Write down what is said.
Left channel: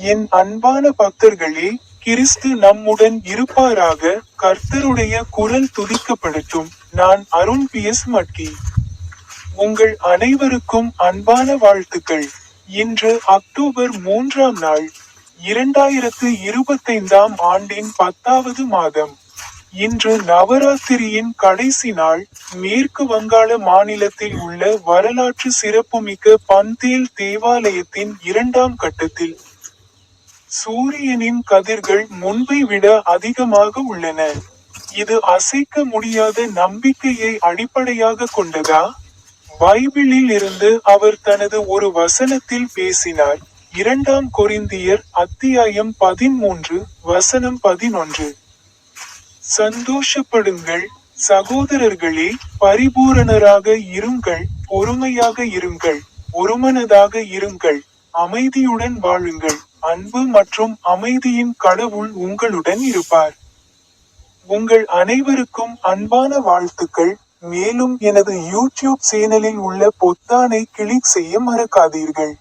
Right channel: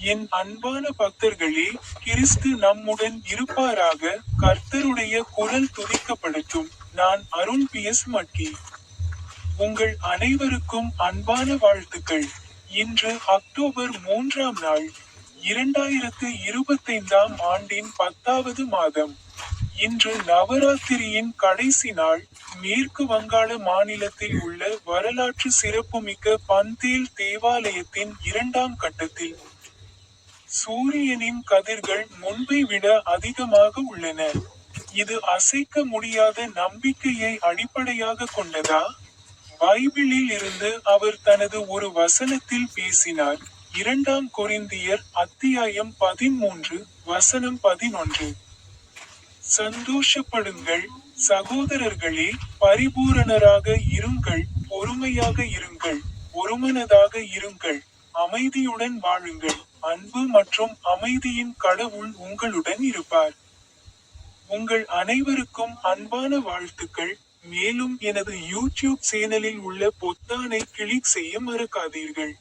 என் அன்பான பக்தர்களே கிறிஸ்து நம்முடன் இருப்பாராக கர்த்தருடைய குரல் துதிக்கப்படட்டும் நான் அருண் பி. எஸ். மட்டி உங்கள் அனைவருக்கும் அன்பான வாழ்த்துக்கள். இன்று அக்டோபர் மூன்றாம் நாள் இரண்டாயிரத்து இருபத்தைந்தாம் ஆண்டின் பத்தாவது மாதம். இன்று நவராத்திரியின் கடைசி நாள் மேற்கு வங்காள மாநிலத்தில் உள்ள வரலாற்று சிறப்புமிக்க பந்தேல் தேவாலயத்தின் இரண்டாம் கட்டத்தில். சூரியனின் கதிர்கள் முன்பை விட அதிகமாக உள்ளன. இது அசைக்க முடியாத நம்பிக்கையை அடிப்படையாக கொண்டதா? பைபிளில் இருந்து அவர் தனது ஒரு வசனத்தில் பேசினார். இரண்டாம் கொரிந்தியர் அத்தியாயம் பதிமூன்று வசனம் பதினொன்று. சந்தோஷப்படுங்கள் சகோதரர்களே பரிபூரணராக இருங்கள் பொறுமையாக இருங்கள் ஒருமனதாக இருங்கள் அமைதியுடன் வாழுங்கள். அன்பு மற்றும் அமைதியின் கடவுள் உங்களுடன் இருப்பார். உங்கள் அனைவருக்கும் அன்பான வாழ்த்துக்கள். மேலும் எனது யூடியூப் சேனலில் உள்ள பொத்தானை கிளிக் செய்ய மறக்காதீர்கள்.